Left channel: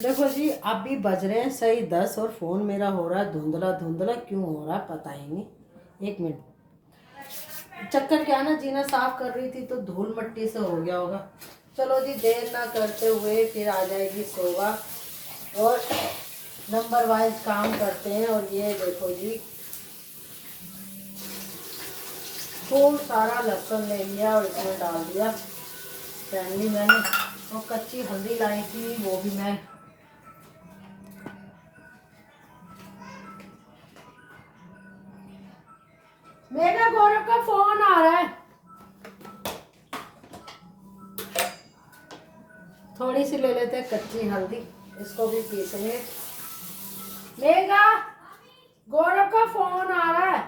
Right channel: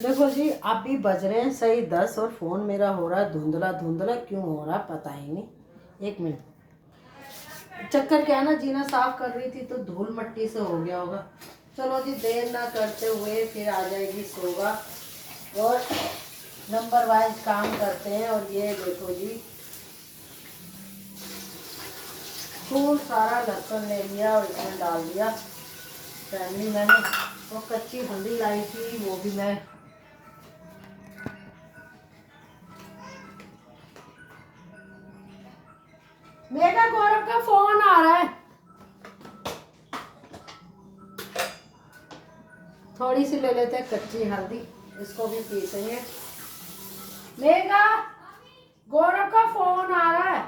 देखो जी, अभी बज रहे हैं सही 10 और फ़ोन मेरा हो रहा है धुंधला धुंधला। क्यों हो रहा पता ही नहीं। एक मिनट। चक्कर क्या ना, जीना साफ कर रही थी तो धूल मट्टी से हो गया होगा। चलो जी, देर ना करते हुए फिर आ जाएगी शोभा और नंबर वाइज काम करते हैं। और ये देखो जी, खूब सारा लहसुन ले लिया और इसमें डाल दिया। फैमिली मैंने और कच्ची हल्दी लाई थी, वो भी मैं मेरा गौरव का फोन आ रहा है। थोड़ी सी ले लेते हैं कच्ची हल्दी, इसको भी पीसेंगे। मेगा, गौरव का फोन आ रहा है।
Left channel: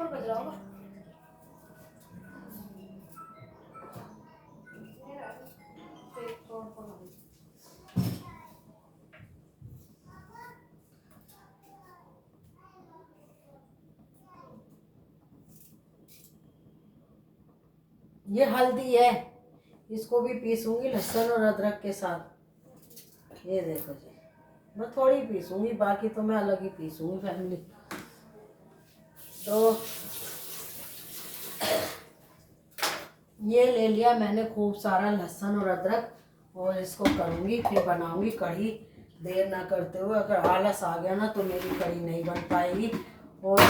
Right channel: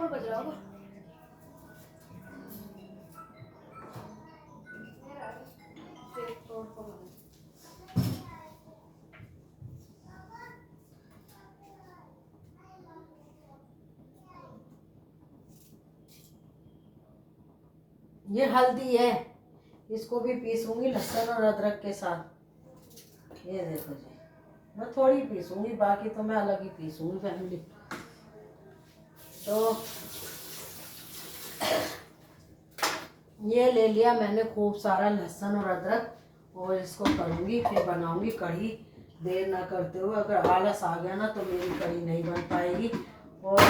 बज रहा होगा। ये हल्दी है, इसको भी पीसूंगी लहसुन और अदरक के साथ। ये देखो जी, मैं थोड़ी पीसूंगी, बाकी तो मैं अलग ही पीसूंगी फैमिली। तो ये ले लिया मैंने खूब सारा लहसुन और अदरक, और इसको करूँगी, फिर बनाऊंगी कढ़ी। देर ना करते हुए, अगर आलस आ गया ना तो मेरी कढ़ी नहीं बन पाएगी। और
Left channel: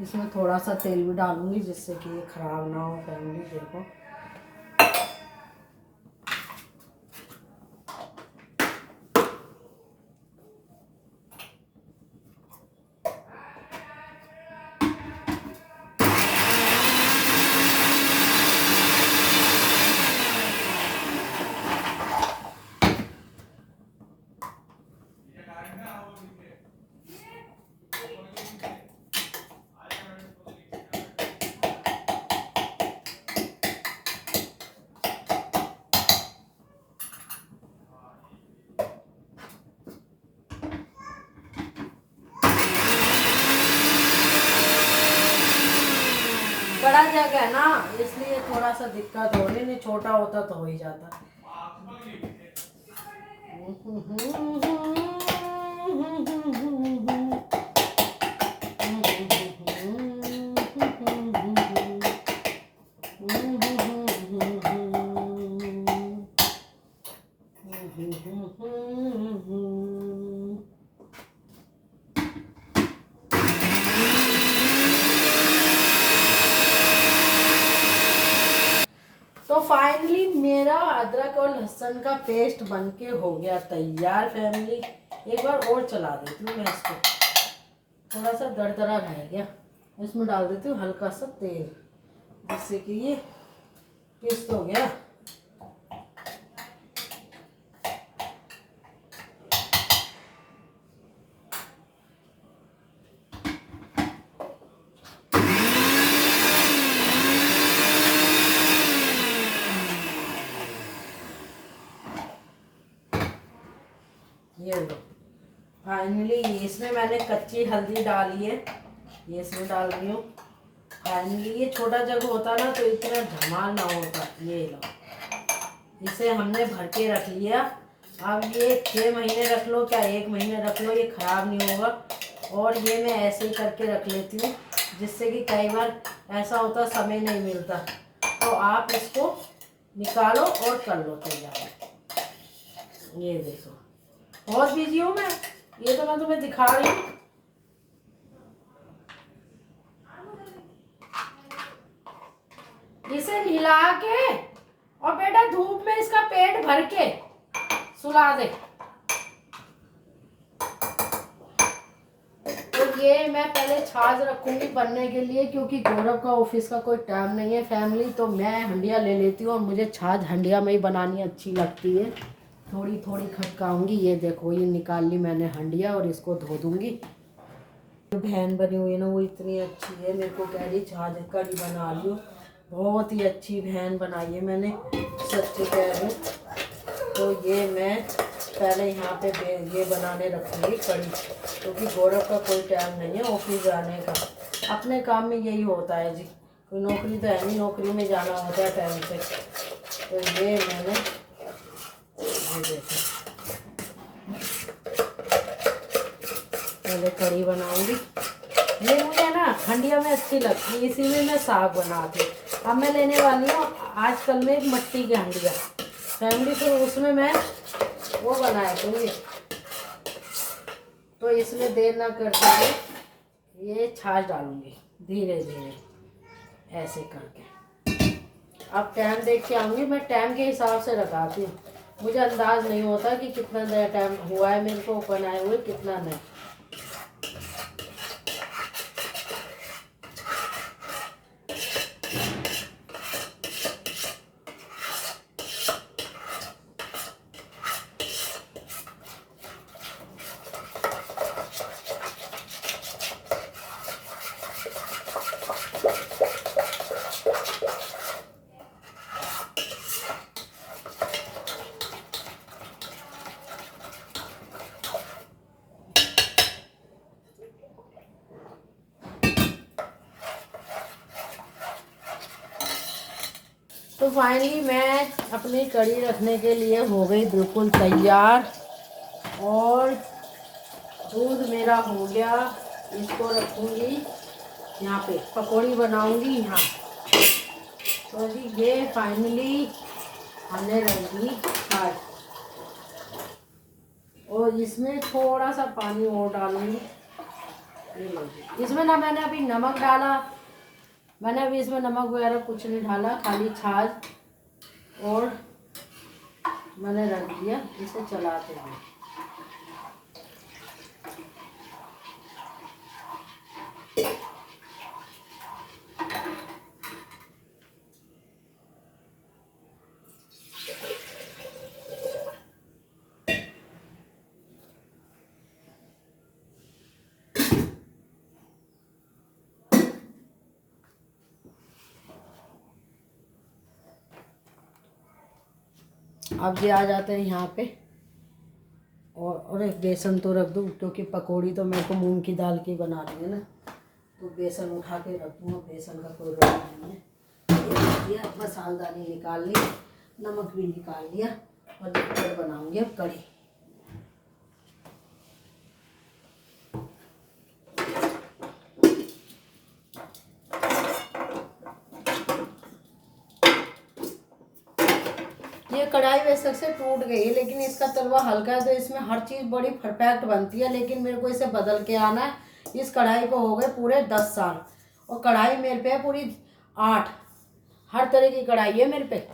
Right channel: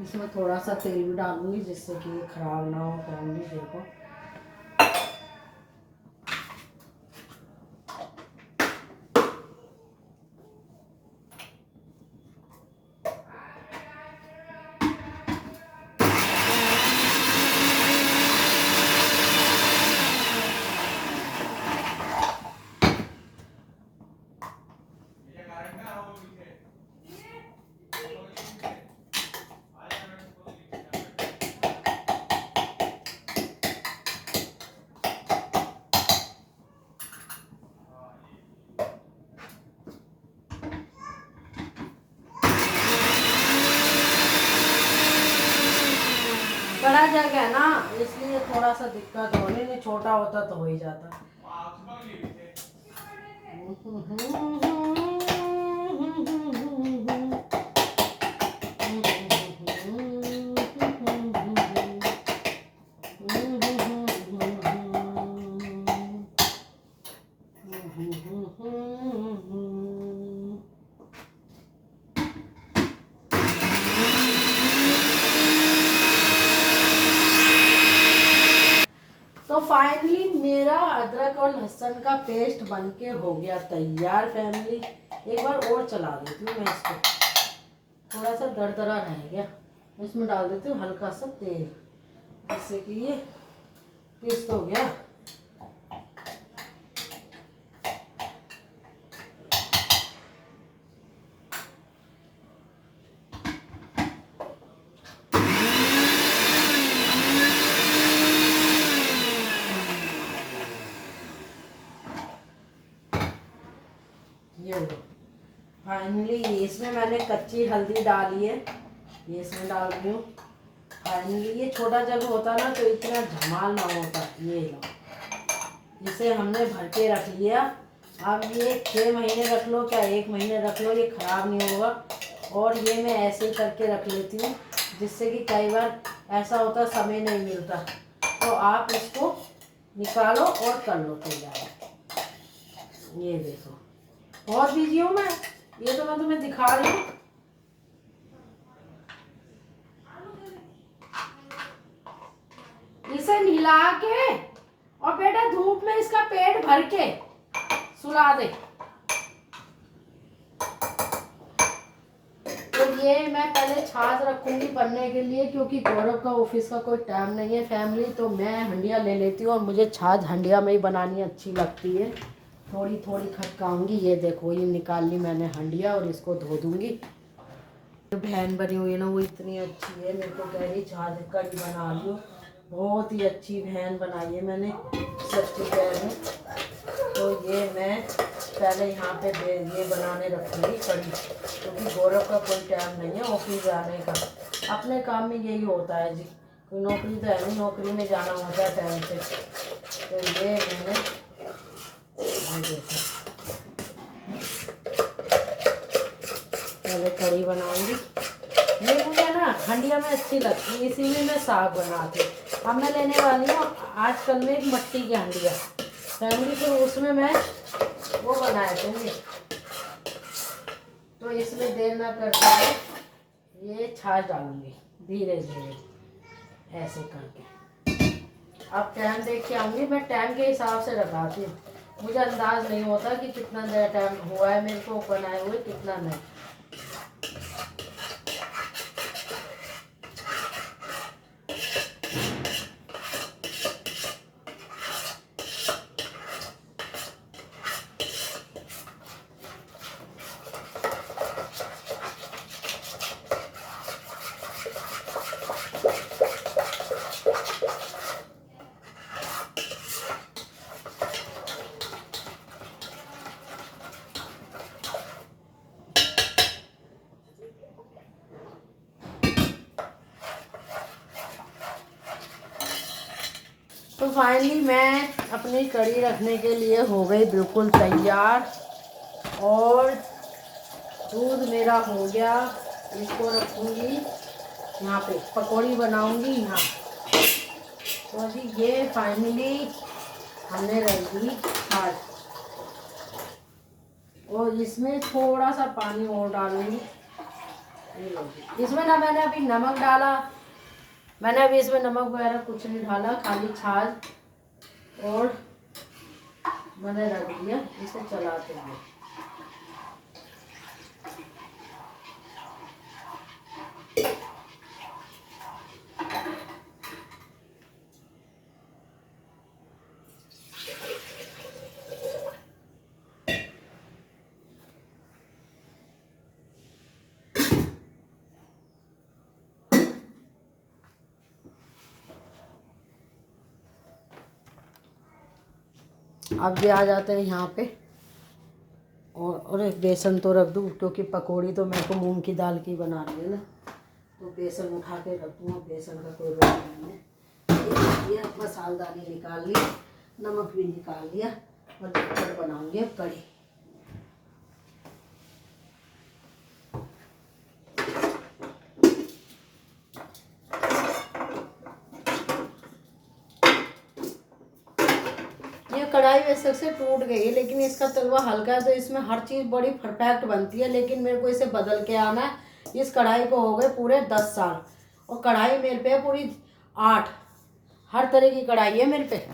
इसमें थोड़ा सा तेल भी डालूंगी जिससे कि ये खराब ना हो फैमिली। देखो बड़ा जगह है ना, इसलिए थोड़ा सा दिक्कत हो रही। नहीं छोटा होता तो हो ही जाता। तो फाइनली मेरा अदरक और लहसुन का पेस्ट बनके हो गया तैयार फैमिली। एक बार और चला देती हूँ मैं इसको, थोड़ा सा दरदरा रह गया। इसमें डाल देती हूँ हल्का सा तेल, जिससे कि ये पेस्ट हो गया। ये लो फाइनली, इसमें मैंने कच्ची हल्दी डाली है, ये इसमें डाल रही हूँ। फाइनली ये छोटा जग होता ना तो इतना धमाल ना होता। ये लो, इसे हमने भर के रख लिया। अब ये 6 महीने रख लो, क्या 1 महीने रख लो, ये ख़राब नहीं होगा। और ये मैं ऐसे ही करके रख लेती हूँ, जिससे कि कई बार ऐसा होता समय नहीं मिलता, तो आप इसको निकालो और कर लो तैयार। ये देखो, बहुत बिजी हूँ मैं, ये तो मैं तुम्हें दिखा रही हूँ। इसे मिला के और बेटा धूप में इसका पेट भर के सुला दे। तो ये मैं पहले छाछ रखूंगी बनने के लिए, क्योंकि गौरव का ऑफिस का कोई टाइम नहीं है फैमिली। तो मैं हंडिया ले लेती हूँ और मुझे छाछ हंडिया में ही बनानी अच्छी लगती है। थोड़ी थोड़ी खटकाऊंगी। ये देखो, ये निकाल ली मैंने हंडिया और इसको धो दूंगी। जो बहन बनी हुई है ना वो इतनी अच्छी है, मेरे को कह रही छाछ कढ़ी बना लियो। बहुत ही अच्छी बहन बनाई है मैंने, सच्ची कह रही हूँ। तो ये मैं पहले यहाँ पे ये बनाने रखूँगी कढ़ी, क्योंकि गौरव का कोई टाइम नहीं है ऑफिस जाने का। अपने काम में यही होता है जी, कोई नौकरी तो है नहीं, नौकरी में जाना होता है टाइम से। तो ये मैंने ये देखा, पहले कढ़ी बनाऊंगी। ये मुझे ना हंडिया में अच्छी लगती है, इसी में मैं साग बनाती हूँ। अब मैं लेने वाली हूँ आजकल में एक मट्टी की हंडिया फैमिली, तो उसमें मैं वो बनाया दूँगी। तो इसलिए देर ना करते हुए ये छाछ डालूंगी धीरे धीरे ऐसे करके। अब टाइम देख के आऊँगी, मैं टाइम के हिसाब से लगाती हूँ, मुझे अंदाज नहीं होता कि कितना टाइम हुआ है मेरे को बनाए हुए, कितना नहीं। तो फाइनली मैं अपनी कढ़ी रखने के लिए हो गई बिल्कुल तैयार, और दूध मेरा हो गया। इसको रखूँगी यहाँ पे, पकौड़ी बनाऊँगी यहाँ। तो अभी ये फाइनली हमने रख दी छाछ, और इसमें थोड़ा सा पानी और डालूँगी। इसमें ना मैंने अभी नमक डाला, मैंने अभी इसमें नमक वगैरह कुछ नहीं डाला, खाली छाछ और मैंने रख दिया। इसे चलाते हैं। अब ये आ जाते हैं यहाँ पे, और एक बेसन तो रख दूँ, क्योंकि पकौड़ी तो मेरे को मूंग की दाल की बनानी है ना, तो बेसन उठा के रख दूँ। बेसन का कोई रोल नहीं है। ये मसालेदानी निकाल ली, नमक भी निकाल लिया, और देखकर बनाऊंगी अब कढ़ी। ये कढ़ाई वैसे से टूट गई है, लेकिन इसका तलवा हल्का है, तो इसमें हर चीज़ बड़ी परफेक्ट बनती है। लेकिन मेरे को इसे बदल के आना है। इस कढ़ाई को हो गए पूरे 10 साल, और कढ़ाई मेरे पे है पूरी 8, हर तरह की कढ़ाई है मेरे पे।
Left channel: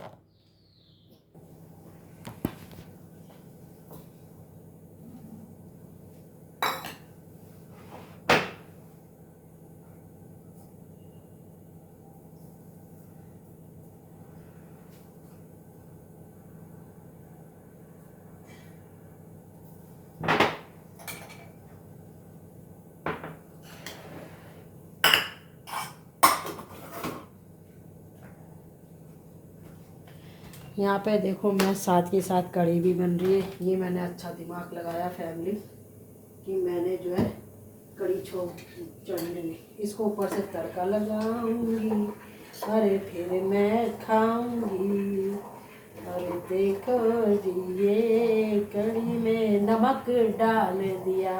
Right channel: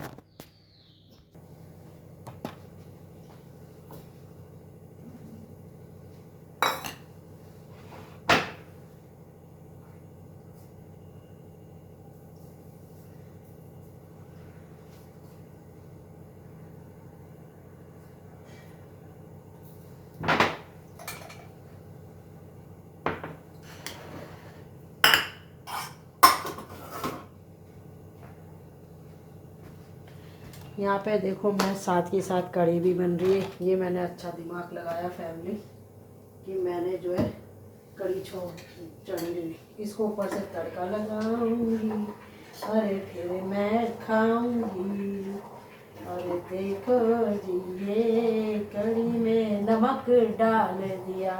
यहाँ पे देखो, मैं साथ के साथ कढ़ी भी बन रही है। ये मैंने अच्छा दिमाग लगाया फैमिली, कि मैंने जो है कढ़ी चढ़ी, इसको ऊपर से तड़का लगाऊंगी, अरे फिर मैं खाऊंगी। अरे देखो जी, ये कढ़ी में नमक डाल दिया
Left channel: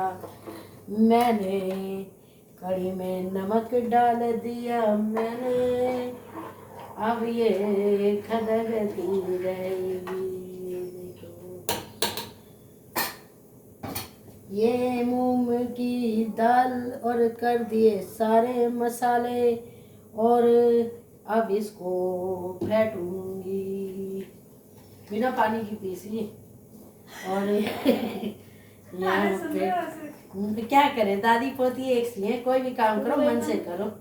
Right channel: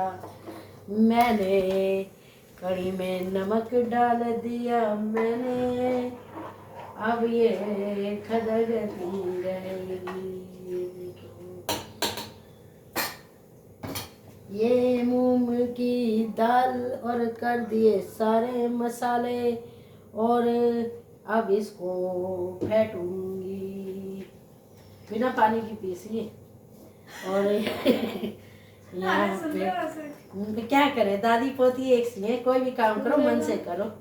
मैंने, कढ़ी में नमक डाल दिया मैंने, अब ये खदकती रहेगी। ये मूंग की दाल और कर दिए सारे मसाले, और अब इसको फेंटूंगी बिना पानी की पीसिए। और यहाँ पे क्या करें, दादी पोती एक सी है, कोई भी काम करो मन से करो।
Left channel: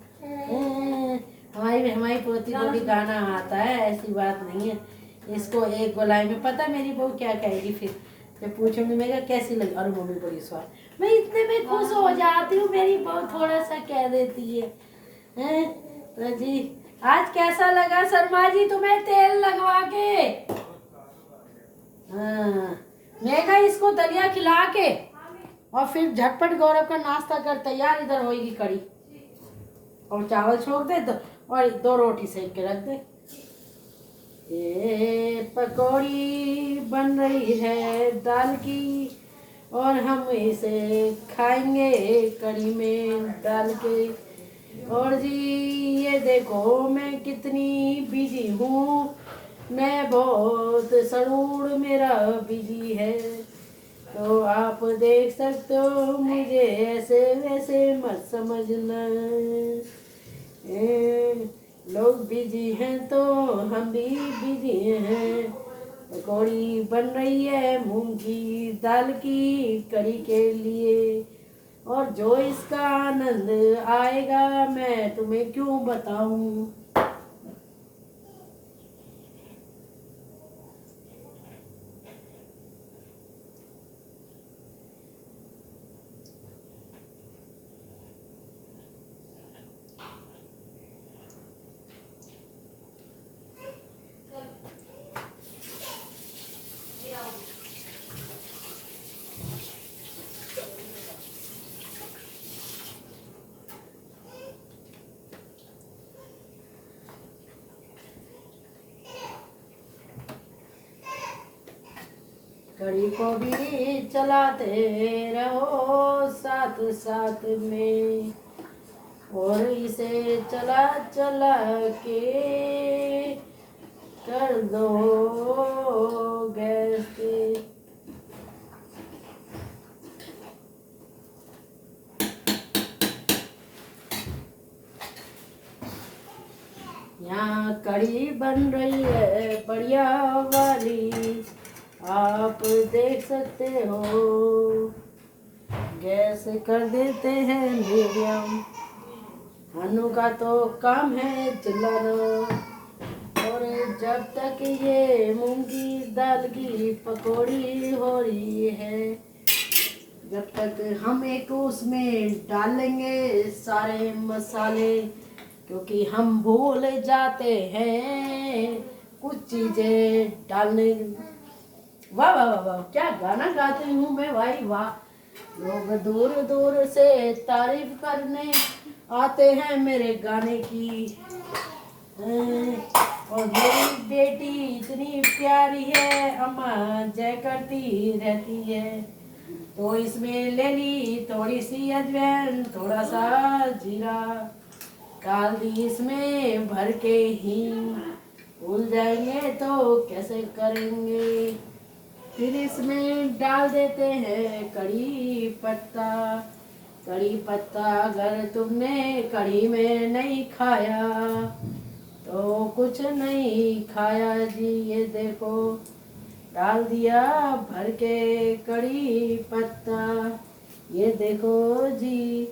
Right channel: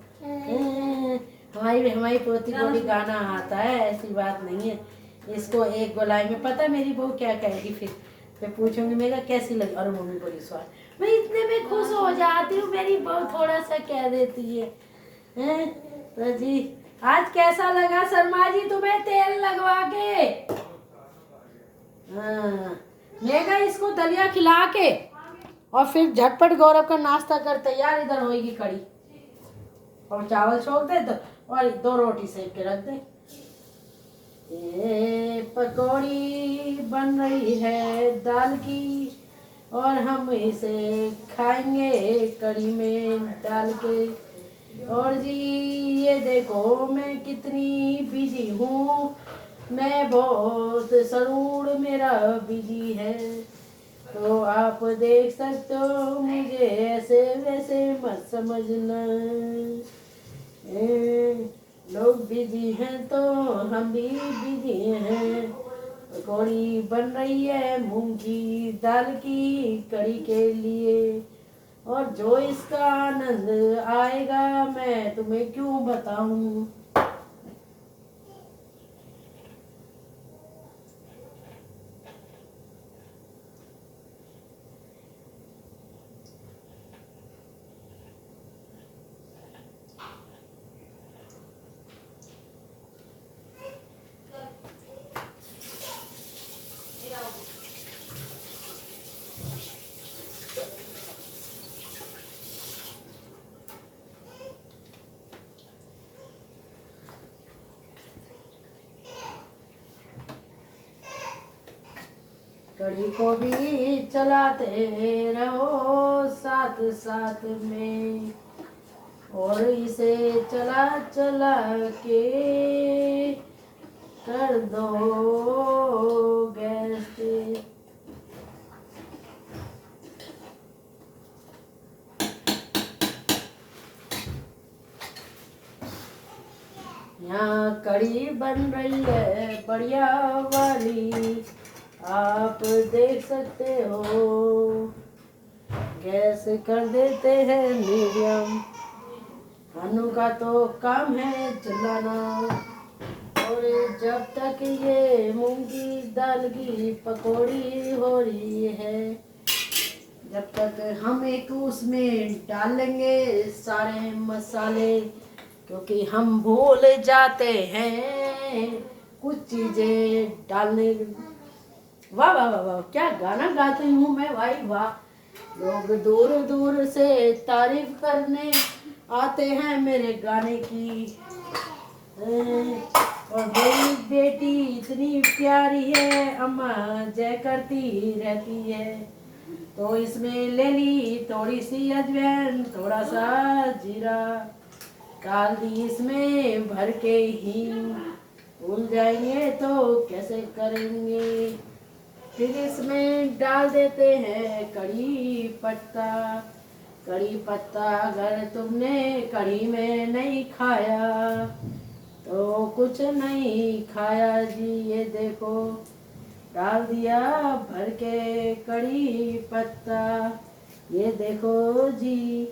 हमारी पोती को भी गाना आता है, ऐसी बात नहीं है। इसको एक गोलाई में, पता मेरी बहू क्या कहेगी, फिर पूछूंगी मेरा कैसी लगी, और मम्मी बड़ी स्वाद, मैं इतने में खुश हो जाती हूँ, मेरी बहू थोड़ा सा कह देती है। हैं तो जी आज कैसा लगा शर्मा जी तुम्हें तेल लगवा के? हाँ, मैं कहा इसको दलिया खिला के और फिर झटपट गौरव का नाश्ता कर तैयार, इधर होएगी कड़ी और चावल छोड़ दे तो और 2 रोटी सेक के रख दे। ये पकौड़ी बन रही है दाल की और हम इसे खाएंगे कड़ी में डाल के। और जी ये देखो मैं कितनी बिजी हूँ, मैं बहुत शरीर मेरा बिजी है, तो आप देख सकते हो मुझे ऐसे वैसे मत समझना। लोग बिजी हैं तो हम भी बिजी हैं। पकौड़ी बन रही है मूंग की दाल की कड़ी के लिए, और जो इसका आनंद आएगा मैं तुम्हें क्यों बताऊं। कड़ी को भी चलाते रहो साथ साथ में, और इसे चला चला के कर दो गैस पे। यहाँ कड़ी बन रही है बढ़िया वाली, आप देख सकते हो। गैस कर देते हैं मीडियम, हनु का तो काम है चिल्लाना, और जब तक ये मूंग की दाल की पकौड़ी हो रही है, जब तक हम एक उसमें डाल लेंगे सारे मसाले, क्योंकि हम भूल जाते हैं कुछ चीजें डालने। वाह वाह वाह वाह, क्या गाना गाती हूँ मैं भाई वाह। लोग दूर दूर से तारीफ करने आते हैं मेरे गाने की। और मेरी बेटी इतनी प्यारी है, अम्मा जय करती रहती है, तो इसमें ले ली थोड़ी सी अजवाइन, थोड़ा सा जीरा डाल दी इसमें भर के ही। भूल जाएंगे तो कैसे करेंगे। फिर इसमें डाल देते हैं कड़ी पत्ता। कड़ी पत्ता अगर तुमने कड़ी में नहीं खाया तो कुछ नहीं खाया जी। ये देखो डाल दिया भर के कड़ी पत्ता, ये देखो जी।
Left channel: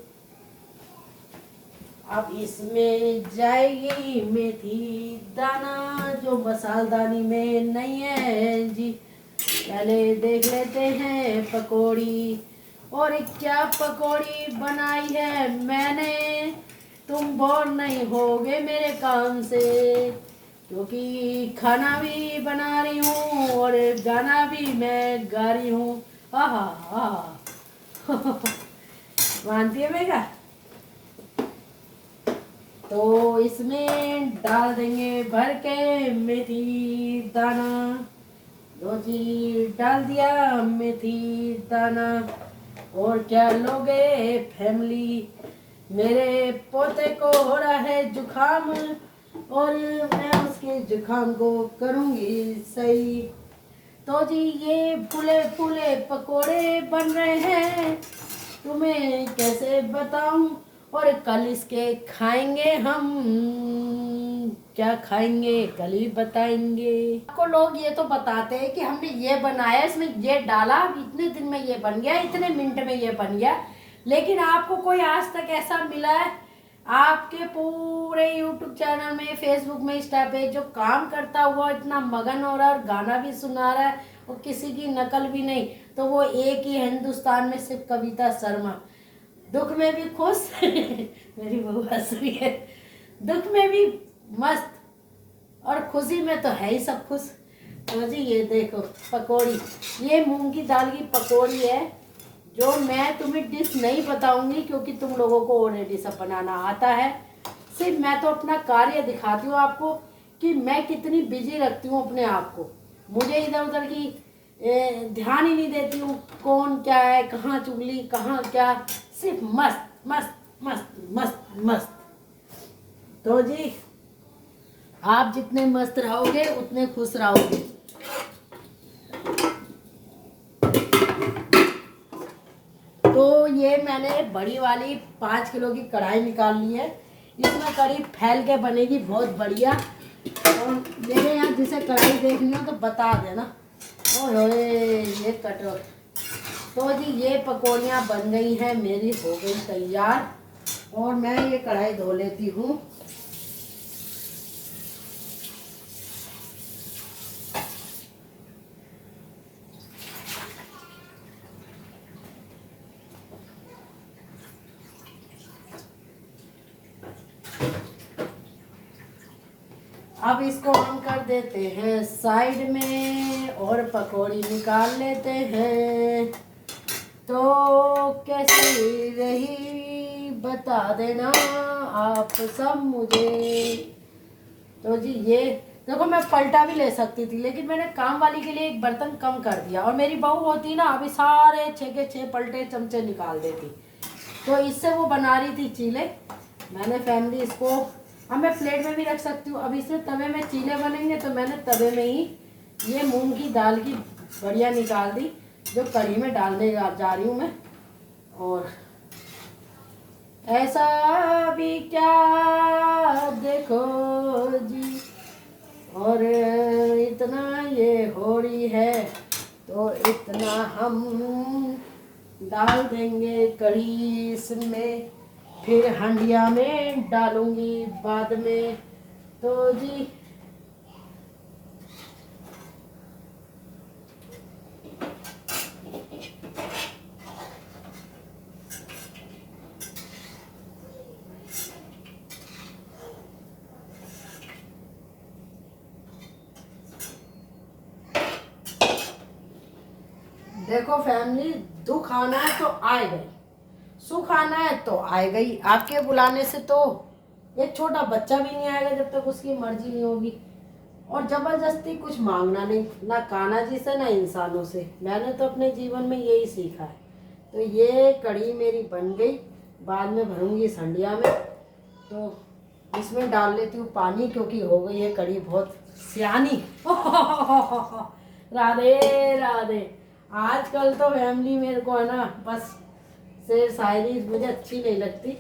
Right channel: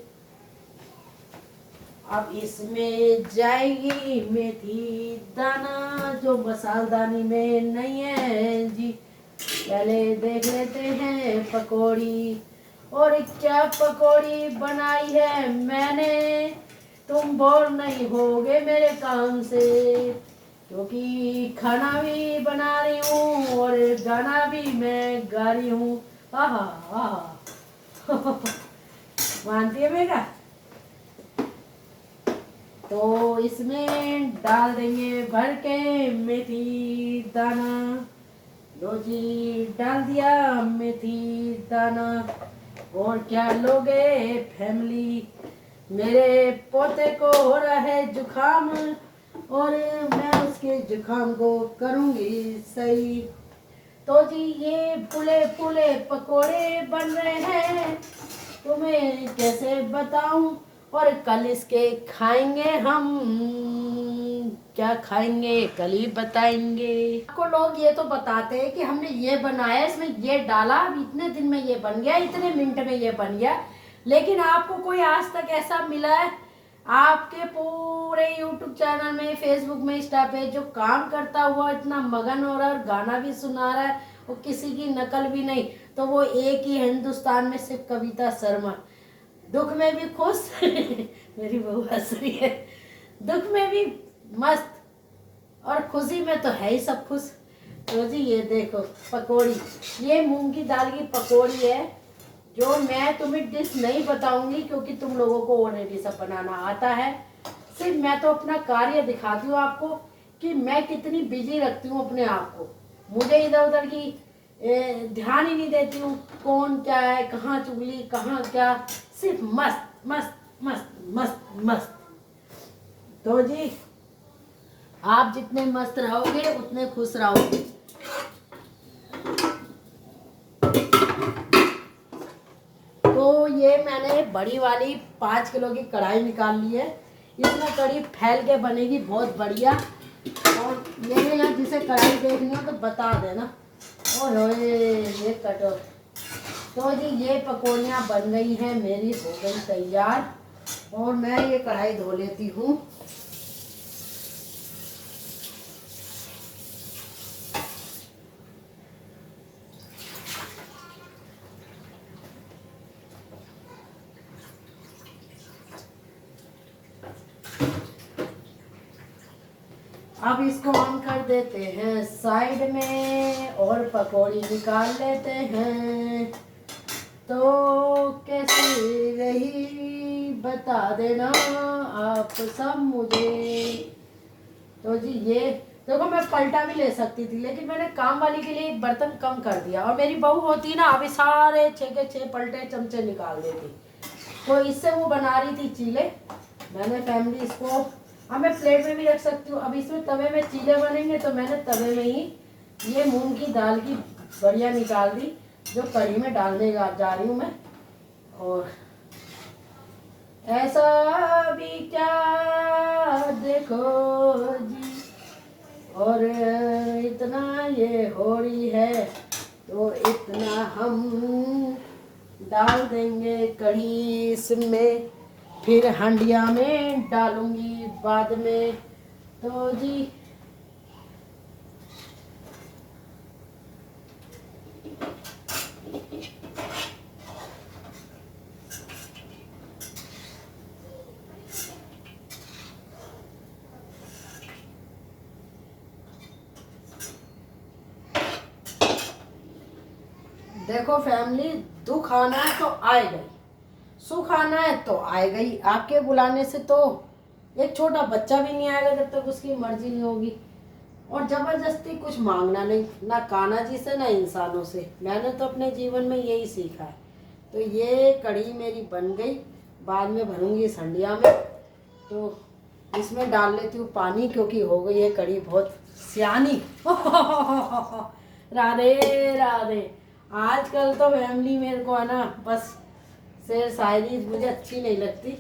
अब इसमें जाएगी मेथी दाना जो मसालदानी में नहीं है जी। पहले देख लेते हैं पकौड़ी, और क्या पकौड़ी बनाई है मैंने। तुम बोर नहीं होगे मेरे काम से, क्योंकि खाना भी बना रही हूँ और गाना भी मैं गा रही हूँ। आहा आहा मानती है मेरा। तो इसमें डाल देंगे भर के मेथी दाना। लो जी डाल दिया मेथी दाना। और क्या लोगे फैमिली, मेरे पोते को हो रहा है जुखाम, और मैं उसके जुखाम को करूँगी सही। तो जी ये फूले फूले पकोड़े बन रहे हैं, तुम्हें कैसे बताऊं। और कल इसके खाएंगे हम, क्या खाएंगे कल ही बताएंगे आपको। लोग ये तो बताते हैं कि हमने ये बनाया, इसमें ये डाला, इतने दिन में ये बन गया, इतने मिनट में ये बन गया, लेकिन आपको कोई आज तक ऐसा मिला है आपके पूरे YouTube चैनल में, फेसबुक में, इंस्टा पे जो काम करता हुआ इतना मगन हो रहा है और गाना भी सुना रहा है और किसी की नकल भी नहीं। तो वो एक ही है हिंदुस्तान में, सिर्फ कविता शर्मा। दुख में भी खुश मेरी बहू हंस रही है। दुख में भी मस्त और खुशी में तो है ही सब खुश। तो जी ये देखो पकौड़ी, ये मूंग की दाल की पकौड़ी है, जो मैं तुम्हें डिश नहीं बताऊंगी क्योंकि तुम लोगों को ऑलरेडी सब बनाना आता है। सिर्फ मैं तो अपना कार्य दिखाती हूँ आपको कि मैं कितनी बिजी रखती हूँ अपने आप को। मुझे इधर उधर की ध्यान ही नहीं देती हूँ, कौन क्या है, कहाँ चुगली, कहाँ क्या, सिर्फ मस्त मस्त मस्त मस्त मस्त। तो जी आप जितने मस्त रहोगे उतने खुश रहोगे। तो ये मैंने बड़ी वाली 5 किलो की कढ़ाई निकाल ली है। इसमें कढ़ी फैल के बनेगी बहुत बढ़िया। और मेरे यहाँ जिसे कढ़ाई देखनी हो तो बता देना। ओए ये कटो। तो जी ये पकौड़ियाँ बन गई हैं, मेरी हो गई तैयार। और मैं ये कढ़ाई धो लेती हूँ। अब इसको हम कर देते हैं साइड में और पकौड़ी निकाल लेते हैं। तो कैसी रही बता देना आप सब मुझे। तो जी ये देखो, मैं पलटा भी ले सकती थी लेकिन मैंने काम वाली के लिए एक बर्तन कम कर दिया। और मेरी बहू होती ना, अभी सारे 6 के 6 पलटे चमचे निकाल देती। तो इससे वो बना रही थी चीले। मैंने फैमिली इसको, हाँ मैं प्लेट में भी रख सकती हूँ। अब इसमें तवे में चीले बनेंगे तो मैंने तवे में ही ये मूंग की दाल की बढ़िया निकाल दी, जो कढ़ी में डालने जा रही हूँ मैं। और ऐसा भी क्या देखो जी, और इतना ये हो रही है तो इतना हम डाल देंगे कढ़ी इसमें, फिर हंडिया में डालूंगी बाद में। तो जी देखो फैमिली, दुख आना है तो आए गई, सुख आना है तो आए गई। आपके बुलाने से तो एक छोटा बच्चा भी नहीं आएगा जब तक उसकी मर्जी नहीं होगी। और जबरदस्ती कुछ मांगना नहीं, ना कान्हा जी से ना इंसानों से। मैंने तो अपने जीवन में यही सीखा है। तो ये कढ़ी मेरी बन गई, बाद में भरूंगी इस हंडिया में। तो इसमें डाल लेती हूँ पानी क्योंकि हो गई है कढ़ी बहुत सियानी राधे राधे। आजकल तो फैमिली मेरे को है ना, बस शेर शायरी मुझे अच्छी नहीं लगती,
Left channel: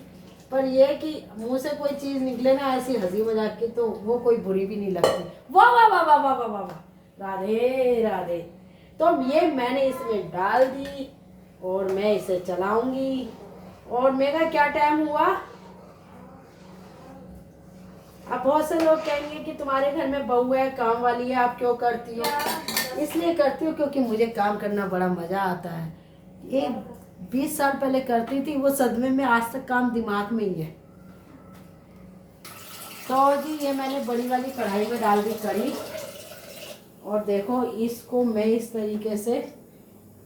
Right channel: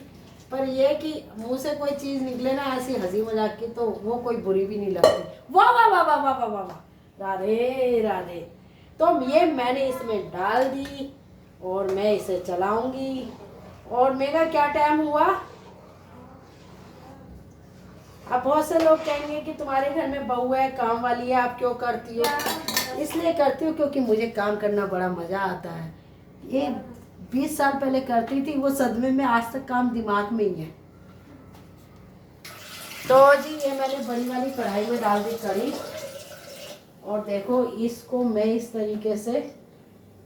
पर ये कि मुंह से कोई चीज़ निकले ना ऐसी हंसी मजाक की तो वो कोई बुरी भी नहीं लगती। वाह वाह वाह वाह वाह वाह वाह वाह, राधे राधे। तो ये मैंने इसमें डाल दी और मैं इसे चलाऊंगी। और मेरा क्या टाइम हुआ, अब बहुत से लोग कहेंगे कि तुम्हारे घर में बहू है, काम वाली है, आप क्यों करती हो। इसलिए करती हूँ क्योंकि मुझे काम करना बड़ा मज़ा आता है। ये 20 साल पहले करती थी, वो सदमे में, आज तक काम दिमाग में ही है। तो जी ये मैंने बड़ी वाली कढ़ाई में डाल दी कढ़ी। और देखो इसको मैं इस तरीके से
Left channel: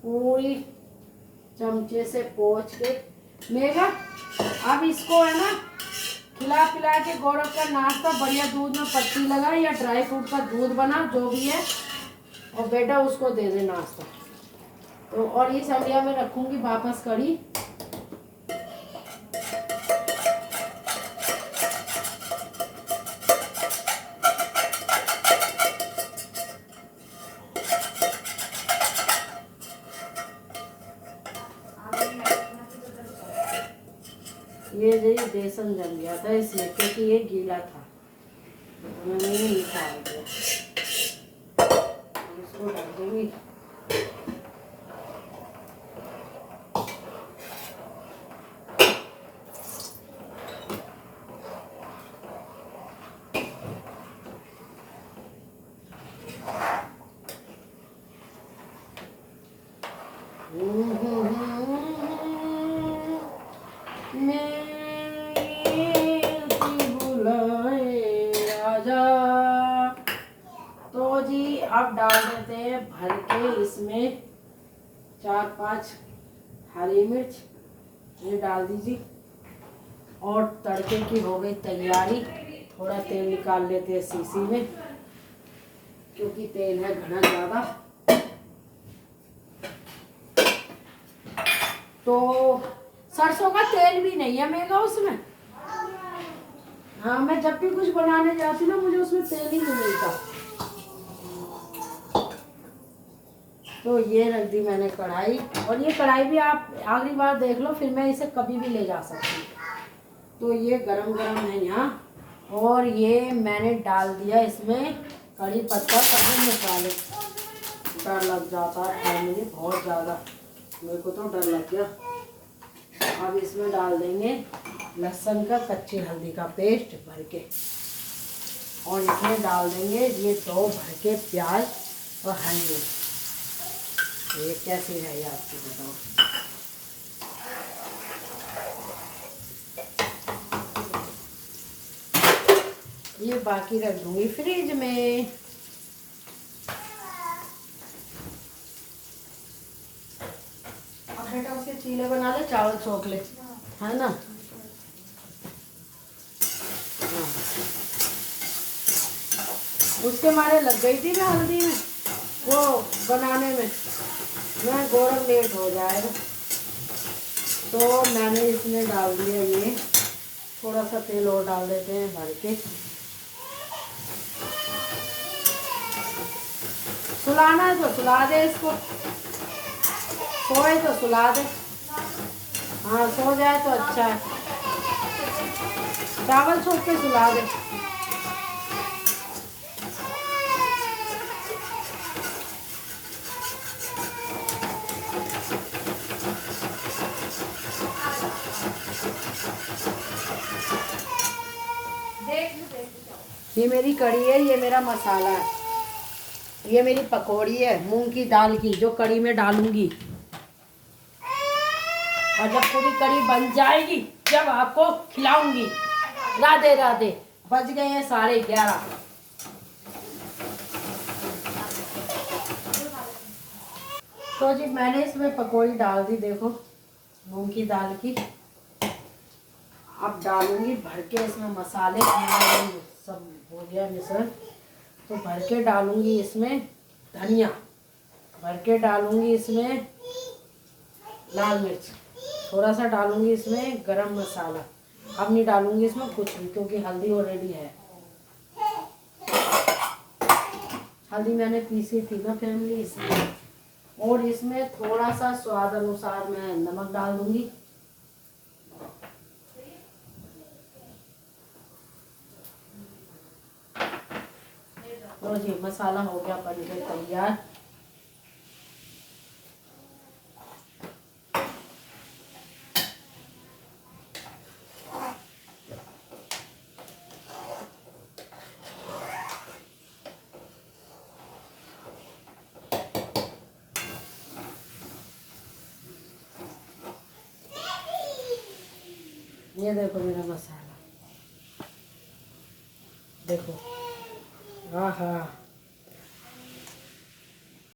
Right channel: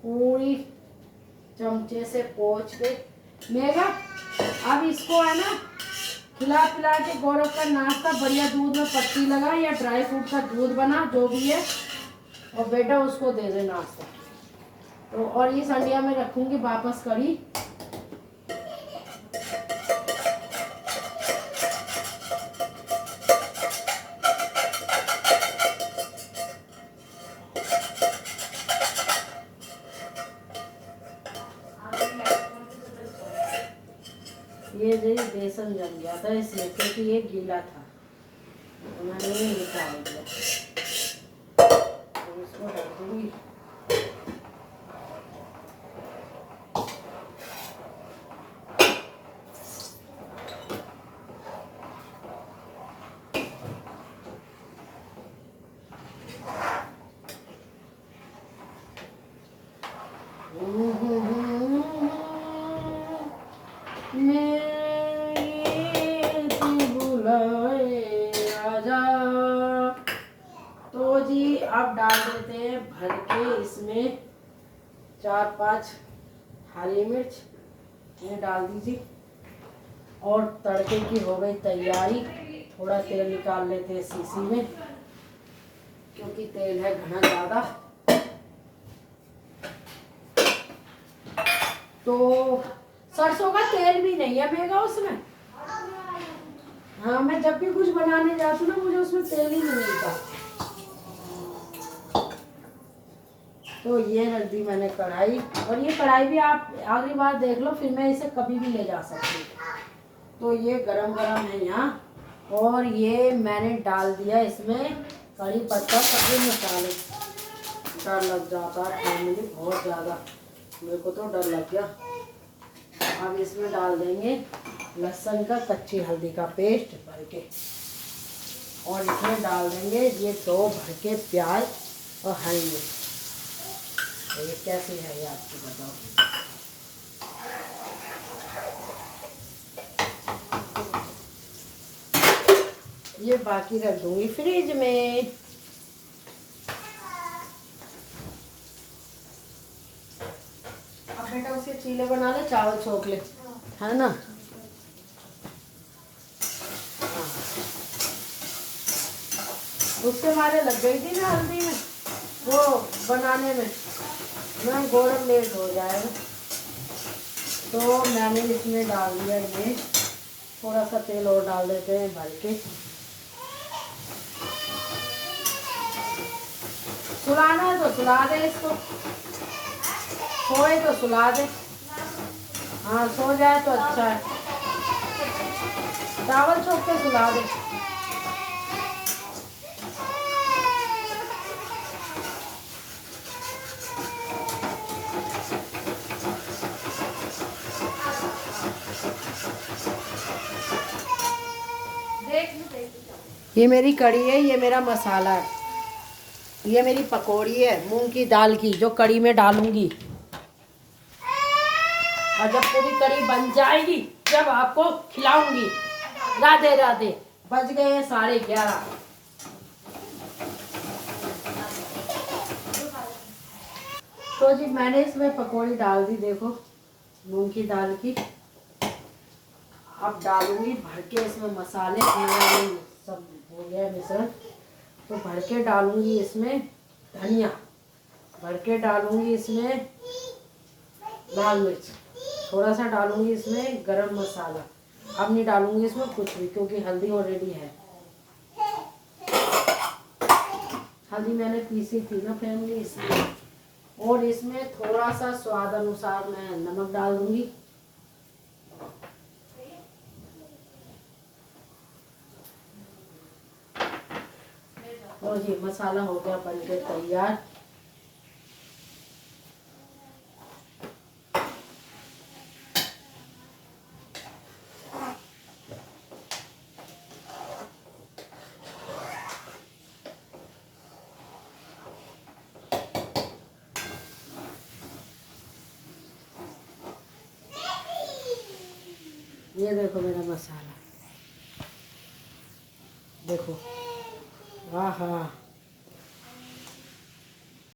पूरी चमचे से पोंछ के मेरा, अब इसको है ना खिला पिला के गौरव का नाश्ता बढ़िया दूध में पत्ती लगा या ड्राई फ्रूट का दूध बना जो भी है, और बेटा उसको दे दे नाश्ता। तो और इस हंडिया में रखूंगी वापस कढ़ी। ये बेसन जम गया था इसलिए, क्योंकि ये गीला था तो मैंने ये निकाल दिया। तो इसको डाल दूंगी। अब डाल देते हैं भर के इसमें 4-5 हरी मिर्च, ये डाल दीजिए। और तड़के की हो गई तैयारी। थोड़ा तेल निकाल लेते हैं शीशी में, क्योंकि तेल है घना ज़्यादा। तो सरसों का तेल भी नहीं है मेगा उसमें। हाँ, मैं जब भी कुछ बनाने जाती हूँ ना, मुझे उसमें तेल ही नहीं मिलता। तो ये रख दी मैंने कढ़ाई, और ये कढ़ाई भी आप अगली बार देख लो, फिर मैं इसे कभी भी ले जा सकती हूँ। तो ये गरम गरम है यहाँ, और ये मैंने डाल दिया इसमें कड़ी पत्ता, सभी मसाले। डर लग जाता है खाने में बहुत ज़्यादा, मेरे को तो डर लग गया। अब इसमें डाल देंगे लहसुन का कच्ची हल्दी का पेस्ट भर के, और इसमें डाल देंगे ये 2 भर के प्याज और हरी मिर्च। ये कैसी है ये आपको बताओ। ये बाकी रख दूंगी फ्रिज में। अब बेटा उसके चीले बना ले, चावल छोक ले, है ना। हाँ, उसके मारे लग गई थी मैं हल्दी में, वो बनाने में मैं गोरख लेट हो जाएगा। तो मैंने इसमें डाल दिया ये, थोड़ा सा तेल और डाल देते हैं भर के। सुलाना है तो सुला दे इसको, सोए तो सुला दे। हाँ, सो जाए तो अच्छा है। चावल छोड़ के सुला दे। ये मेरी कड़ी है, ये मेरा मसाला है, ये मेरी पकौड़ी है मूंग की दाल की, जो कड़ी में डालूंगी। और जब पूरी कड़ी बन जाएगी, जब आपको खिलाऊंगी। राधे राधे। बज गए हैं 11:30। तो जी मैंने इसमें पकौड़ी डाल दी, देखो मूंग की दाल की। अब डालूंगी भर के इसमें मसाले, सब हो गया मिश्रण। तो भर के डालूंगी इसमें धनिया, भर के डालूंगी इसमें लाल मिर्च, थोड़ा सा डालूंगी इसमें गरम मसाला। अब नहीं डालूंगी इसमें कुछ भी, क्योंकि हल्दी ऑलरेडी है। हल्दी मैंने पीसी थी ना फैमिली, इसलिए। और इसमें थोड़ा सा स्वाद अनुसार मैं नमक डाल दूंगी। और ये मसाला हो गया बन के तैयार। ये देखो मेरा मसाला, देखो। हाँ हाँ,